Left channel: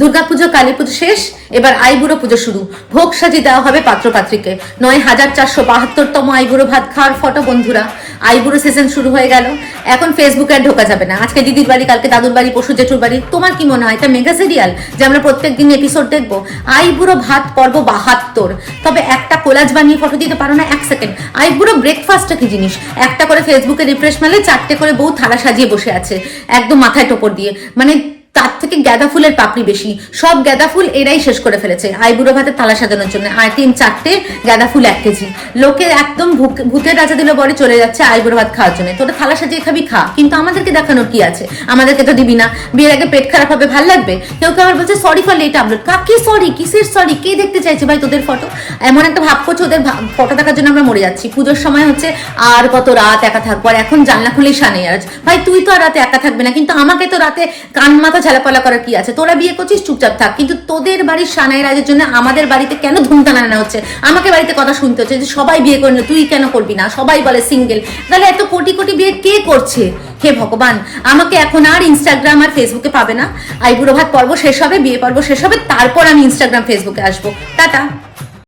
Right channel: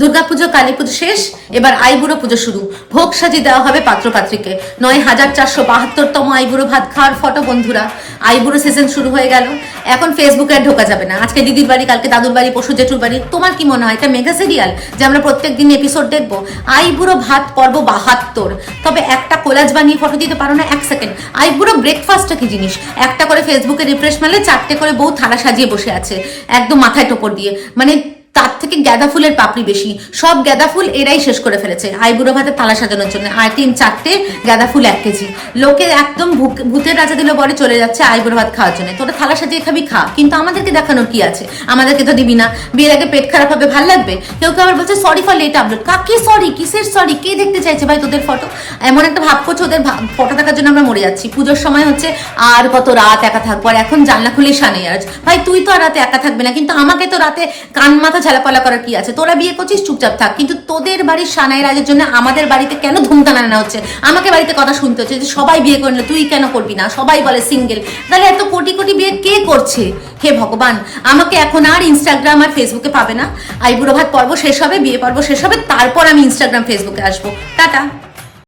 দুর্গাপুজো কালী পুজো শেষ, এবার আইবুড়ো পুজো শুরু। ভোগ সাজি দেওয়া হবে পাত্রপাত্রীকে। ৯,৪৭২তম আইবুড়ো ভাত খাওয়ার ফটো বন্ধুরা। আইবুড়ো সিজন শুরু হয়ে গেল। এখন ফেসবুকে আর ঢোকা যাবে না। আজকে দিদির বাড়ি, কালকে দাদুর বাড়ি, পরশু জেঠুর বাড়ি। তোমার কি মনে হয় এটা মেগা সিরিয়াল যে আমরা প্রত্যেকদিন এপিসোড দেখবো? আইবুড়ো ভাত পর্ব ৭২। তবে একটা কোলাজ বানিয়ে ফটো দিতে পারো না? 1 সেকেন্ড। আইবুড়ো ব্রেকফাস্টটা কি জিনিস? একটা করে ফেসবুকে রিফ্রেশ মারলে 4টে করে বউ থালা সাজিয়ে বসে আছে, একদম মাথায় টোপর দিয়ে। মানে তার থেকে গাঁদা ফুলের পাপড়ি বেশি। সব গাঁদা ফুল এরাই শেষ করে ফেলেছে আইবুড়ো ভাতের থালা সাজানোর জন্য। আইটেম 4টে, গাঁদা ফুল 1 কেজি। লোকে একদম ভূতের রাজা দিল বলে চলে যাচ্ছে আইবুড়ো ভাত খাওয়ার জন্য। তোরা থালা সাজিয়ে খাবি, খা, কিন্তু আমাদেরকে দেখানোর কি আছে? আমাদেরকে তো দিবি না। বিয়ের আগে পেট খারাপ হবে, ভাল লাগবে? কেউ কেউ আবার বলছে সরি ফর লেট আপলোড। কাকে সরি? কিসের সরি? কে দেখতে চাইছে ভাই তোদের ফটো? এমন একটা ভাব করছে ওদের ফটো দেখার জন্য আমরা মরে যাচ্ছি। পুজোর সময় হচ্ছে আর কত রাত একা থাকবো, আর এখন জানলা খুলেই সানে আজ। ভাই তুই তো আর রাতে একা থাকবে না, কিন্তু আমাকে তো রাতে কান মাথা ঝালাপালা করার কি আছে? তোরা বিয়ে করছিস, চুপচাপ থাক, কিন্তু তোদের বাড়ির সানাই রাজের জন্য আমাদের বাড়িতে কেন ধুমধাম আনা হচ্ছে? আমাকে বাড়িতে কথা শুনতে হচ্ছে যে সবাই বিয়ে করলে তুই কেন করবি না? সবাই বলে সিঙ্গেল। তাহলে এত কোটি কোটি বিয়ে কে করছে? হে ভগবান, আমাকে এখন আর ইনস্টাগ্রাম আর ফেসবুকে পাবে না। আইবুড়ো ভাত পর্ব শেষ হবে, বিয়ে পর্ব শেষ হবে, তারপর আমি ইনস্টাগ্রাম ফেসবুকে আসবো। টাটা।